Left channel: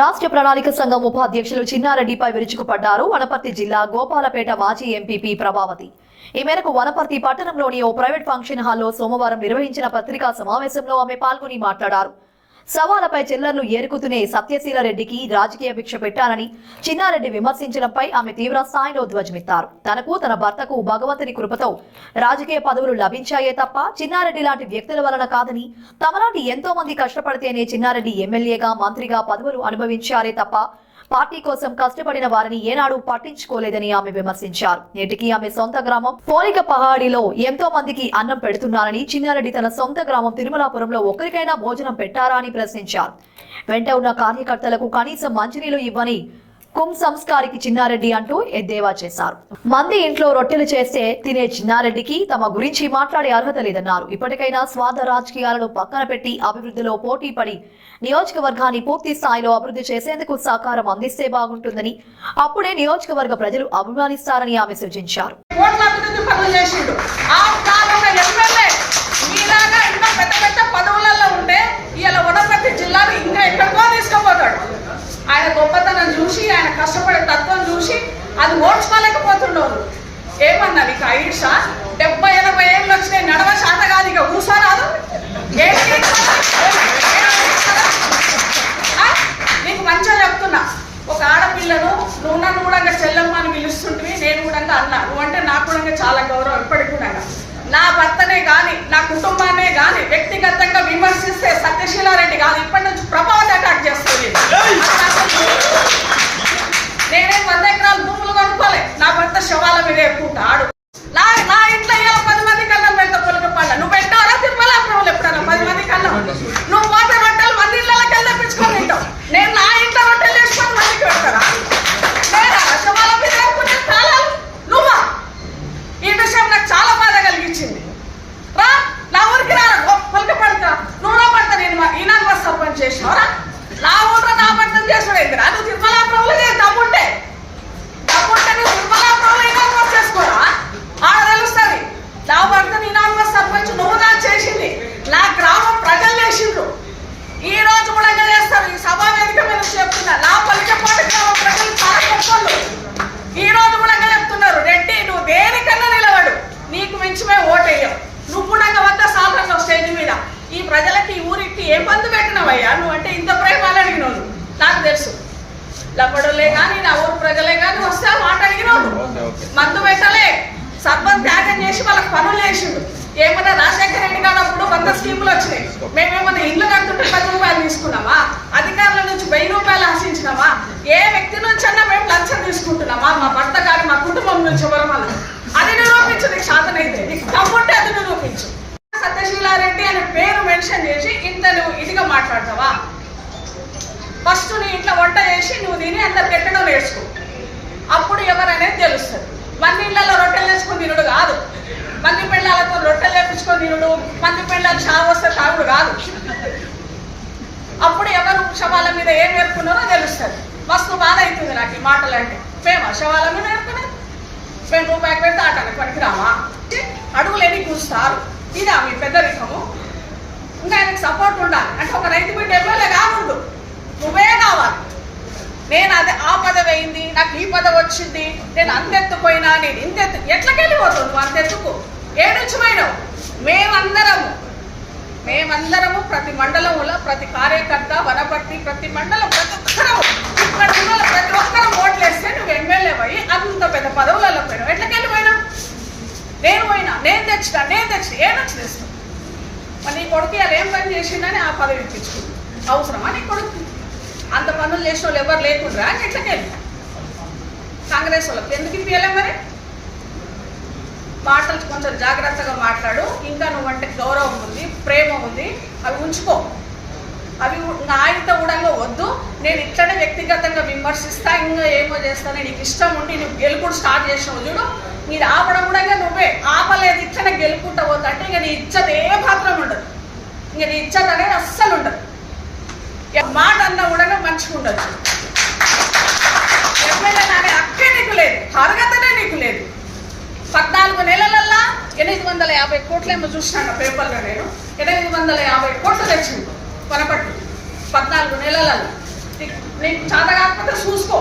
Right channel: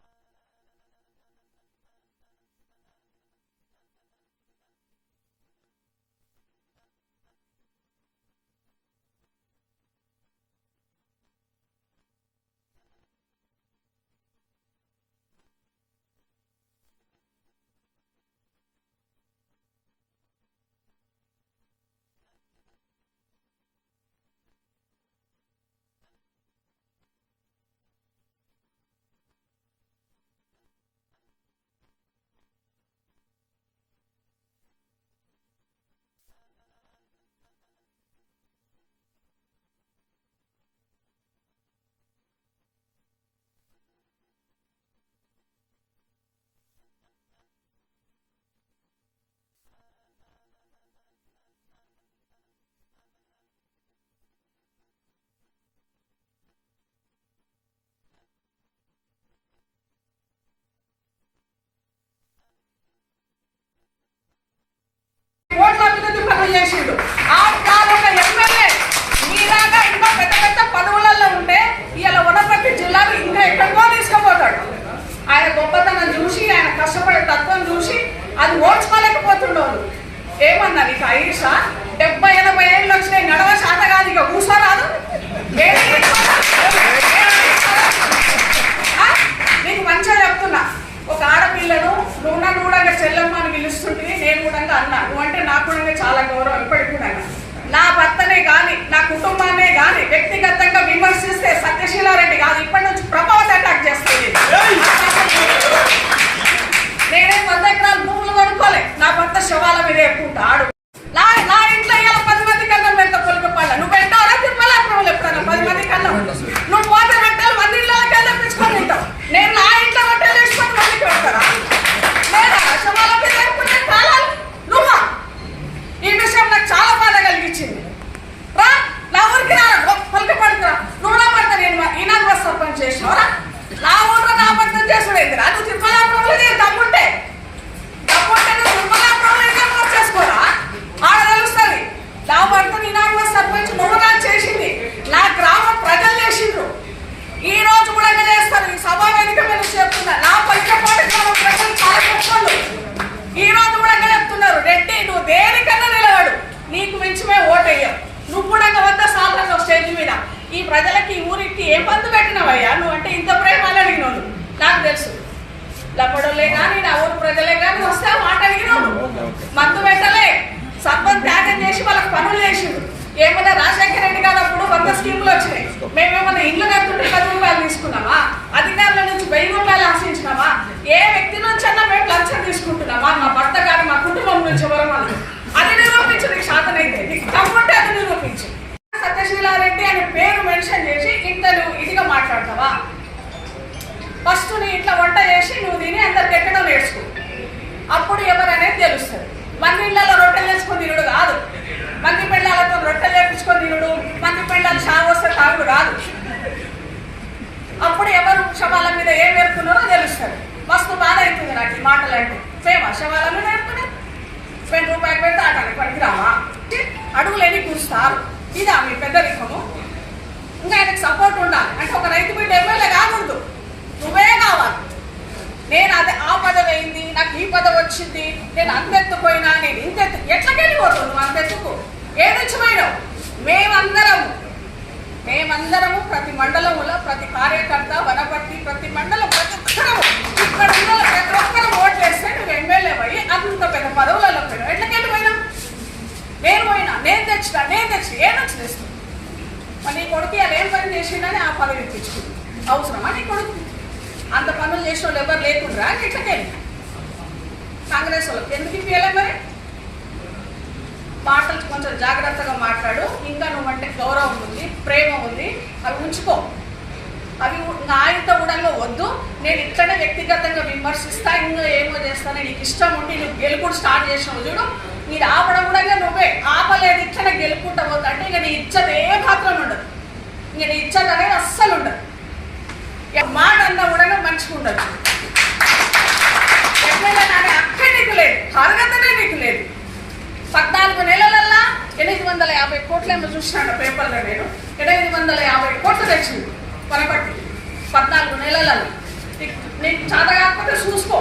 రాష్ట్ర ప్రణాళిక సంఘం ఉపాధ్యక్షులు చిన్నారెడ్డిపై విరుచుకుపడ్డారు వనపర్తి జిల్లా గోపాలపేట మాజీ ఎంపీపీ ప్రభావతి. ఈ మేరకు వనపర్తి పట్టణంలోని ఓ ప్రైవేట్ ఫంక్షన్ హాల్లో సోమవారం నిర్వహించిన పత్రికా సమావేశంలో ఆమె పాల్గొని మాట్లాడారు. సవాలపై చిల్లర్లు ఏరుకుతూనే సత్యశీల రెడ్డికి రాజకీయ భిక్ష పెట్టారని చిన్నారెడ్డి విమర్శించడంపై ఆమె తీవ్ర స్థాయిలో ధ్వజమెత్తారు. తనకు తన భర్తకు భగవంతుని కృపతో రాజకీయ పదవులు లభించాయే తప్ప చిన్నారెడ్డి లాంటి వ్యక్తుల వలన కాదని, తమలాంటి ఎంతో మంది కష్టపడితేనే చిన్నారెడ్డి ఎమ్మెల్యేగా మంత్రిగా పదవులు అనుభవించారే తప్ప పార్టీ కోసం కష్టపడిన వారిని ఏనాడు పట్టించుకోలేదని ఆమె విమర్శించారు. నేటికి ఆమె సొంత గ్రామం పోలిక పహాడిలో ఎంతో మందికి అన్నం పెడుతున్నారని, చిన్నారెడ్డి తన సొంత గ్రామం తిరుమలాపురంలో ఒకరికైనా భోజనం పెట్టారా అని ప్రశ్నించారు. వెంట ఉన్న కార్యకర్తలకు కనీసం మంచినీళ్లు ఇవ్వని సంస్కారికి చిన్నారెడ్డి అంటూ ఎద్దేవా చేశారు. మంది ఇంట్లో రొట్టెలు చేస్తే తినే చిన్నారెడ్డికి తమ గురించి మాట్లాడే అర్హత లేదన్నారు. ఇప్పటికైనా స్వార్థ రాజకీయాలను పక్కన పెట్టి అభివృద్ధిలో పోటీ పడి నియోజకవర్గాన్ని పూర్తి స్థాయిలో అభివృద్ధి చేసేందుకు సహకారం అందిస్తే బాగుంటుందని, అప్పుడే నియోజకవర్గ ప్రజలు అభిమానిస్తారని ఆమె సూచించారు. ఆయన గొప్పతనం చూసి, ఆయన కష్టపడే తత్వం చూసి అది ఓడ్చుకోలేకపోతున్నాడు. ఏమన్నా నీకు ఐషా 70-80 ఏళ్ళు వచ్చినాయి, నడవ శాత కాదు, ఇక కూసోరాదు. నీకు మంచిగా చెప్తున్నా, ఒక ఆడపిల్లను నువ్వు నన్ను కూడా చెల్లమ్మ అని పిలుస్తుంటివి, నేను కూడా అన్నా. నువ్వంటే నాకు కూడా చాలా గౌరవం. ఇప్పటికి కూడా నా భర్తనే కానీ, నా కుటుంబాన్నే కానీ వ్యక్తిగతంగా విమర్శిస్తే సత్యశీలారెడ్డి కాదు, ఇప్పటి నుంచి ప్రభావతి అటాక్ చేస్తుంది. నేనే 100 ఎకరాల భూములు కొనుక్కోలే, నా భర్త శవాల మీద ఎక్కుంటాడు. నా ఇంట్లో ఇలా 10 మంది కన్నం పెడతా పొలికపళ్ళ. నువ్వు పెట్టావరా తిరుమలాపురంలో ఎప్పుడన్నా 10 మంది కన్నం? నువ్వు పోతే రొట్టెలు 100 ఇళ్ళకి తెప్పించుకొని తింటావు. నేను నా ఇంట్లో రొట్టెలు చేసి 10 మందికి పెడతారా? లేదా శవాల మీద ఎక్కునే కాలాలు నువ్వా? ఈ విషయం నాకు చాలా బాధ కలిగించింది. రా నా ఊరికి రా, పొలికపడతా. నువ్వు నా భర్త నేను ఈనాడు సర్పంచ్ చేసినవరా? నా ఊళ్ళో నా భర్తను చేసుకునేదిరా? నువ్వు తిరుమలాపురంలో దమ్ముంటే నువ్వు తిరుమలాపురంలో ఈనాడు చేసుకోరా? ఆడ తెలుస్తుంది. నా భర్తను ఈనాడు సర్పంచ్ నువ్వు నాకు చేసింది, నా గ్రామ ప్రజలు చేసిండ్రు. ఈ రోజు కూడా చేస్తారు. ఈ సభా వేదిక మీద చెప్తున్నా, నా పలికపాటి గ్రామ ప్రజలు చాలా గొప్పలు. ఈ రోజు కూడా చెప్తున్నారు, రెడ్డి నువ్వు దేనికన్నా నిలబడు, నీకు మించి మేము ఓటేయం. నువ్వు కూడా వద్ద సాధారణ స్టేజ్ మీద ఈ ప్రజలకి, ఈ ఊరికి ఏం మందు పెట్టినవయ్యా? నువ్వు అంటే ఇంత ప్రేమలు అడిగినోళ్ళు నాకు తెలుసు. లబ్బడోళ్ళే కానీ, నా ఊరు ప్రజలే కానీ వస్తే మాట అడిగినోళ్ళు. మందు పెట్టలే, సర్పంచ్ త్యాగం చేసి వాళ్ళకి పనులు చేసిండు. ఏమన్నా రాజశేఖర రెడ్డి కానప్పుడు 100 స్కీములు వచ్చినాయి. మేమేమన్నా ఇల్లు కడుతుంటే 10 రూపాయలు తీసుకున్నామా? అధికారుల నుంచి 1000 రూపాయలు ఆశించినామా? ఏ వ్యక్తి నుంచి అన్నా మేము లంచం తీసుకుంటున్నామా? మా భర్త కానీ మా కుటుంబం నుంచి ఎవరు మనం? అది నిరూపించు. నీకు శాతనైతే, నీకు తమ్ముంటే అది నిరూపించు. సత్యశీలారెడ్డి అనే పేరు మెన్షన్ చేసి ఇంత నువ్వు ఇదిగా మాట్లాడతావా? ఫస్ట్ నీ ఇంట్లో వంట చేసి నువ్వు తిని అందరికి ఎక్కడో నేర్చుకో, అప్పుడు ఎవరనేది తెలుస్తుంది. మంది ఇళ్లలో రొట్టెలు తెచ్చుకొని తినుడు కాదు, మంది పెళ్ళాలతో రొట్టెలు వేపించుకొని తినుడు, మంది పెళ్ళాలు షావు వస్తే తాగుడు కాదు. అప్పుడు ఎవరు శవాల మీద ఏం నేర్పున్నారో తెలుస్తుంది. మస్తు బాధ అవుతుంది నాకు ఈ మాటలు అంటే. శవాల మీద నేర్పుకునే 10 రూపాయలు పెడితే ఆటానికి పనికిరావా? అడుగులు ఎన్ని కూర్చుతారు. ఇదా మీ పెద్దరికము? ఇంకా ఆయనకు సపోర్ట్ ఉండాలి. అంటే ఒక రైతు బిడ్డ ఎమ్మెల్యే కాకూడదు, నువ్వే కావాలి. నేను అదే ఆ పదవి అయింది, నాకు ఈ పదవి వచ్చింది, నేను అంతెత్తుపోయినా, నేను ఇంతెత్తు. ఎట్లకెళ్ళిపోతావు నువ్వు అంతెత్తుకు? ఏడుంచి పోయినావు? మేమందరము ప్రతి మండలంలో ప్రతి కార్యకర్త, వనపర్తి ప్రతి మండలం ప్రతి ఒక్కరు ఇక్కడ ఉన్న ప్రతి ఒక్కరు ఓట్లేస్తే నువ్వు ఎమ్మెల్యే పోయి అంత పెద్ద పదవులలో పోయినావు. ఎట్లకెళ్ళిపోయినావు? నేను తెచ్చిన ఏనొచ్చి తెస్తావు? మరి నీ కొడుకు అలా ఏం పని చేసిందని ఆ పదవి ఇప్పించుకుంది. అవసరమా నీ కొడుకు? అంత పనులు చేసిన వాళ్ళు ఎవరు లేకుండా ఎట్లకెళ్ళి కాంగ్రెస్ వాళ్ళకి ఎందుకు ఇప్పియలే? మరి మాటలు కొంచెం జాగ్రత్తగా మాట్లాడు. ఇంకా నువ్వంటే గౌరవం ఉంది, ప్రేమ ఉంది, అవి ఉంచుకో. అవి ఆయనతో కూడా వద్దు. నేను ఇట్లనే వ్యక్తిగతంగా విమర్శిస్తా, ఇంకా ఏమో చేస్తాను. నీకు ఇష్టం ఉండి నువ్వు గెలుపుడు స్టార్ట్ చేసినావు చూడు, మీరు ఆపడం కూడా నువ్వే ఆపలేదు. ఇట్లనే గెలుపుకుంటా పోతా అంటే ఇంకా నీ ఇజ్జత్ ఏ మాత్రం ఉండదు. ఇంకా నీ ఇజ్జత్ అనేది అస్సలు ఉండదు. మాట అన్నా కూడా మంచిగా ఉండొచ్చు. ఎమ్మెల్యే నానే అక్కే నీకు లేదు, అర్హతనే నీకు లేదు. 14 నెలలల్లా 850 కోట్లేమో చూసినాను పేపర్లో. నేను 850 కోట్లు తెచ్చింది వనపర్తి 14 నెలలలో. నీకు చేత కాకపోతే చూసుకో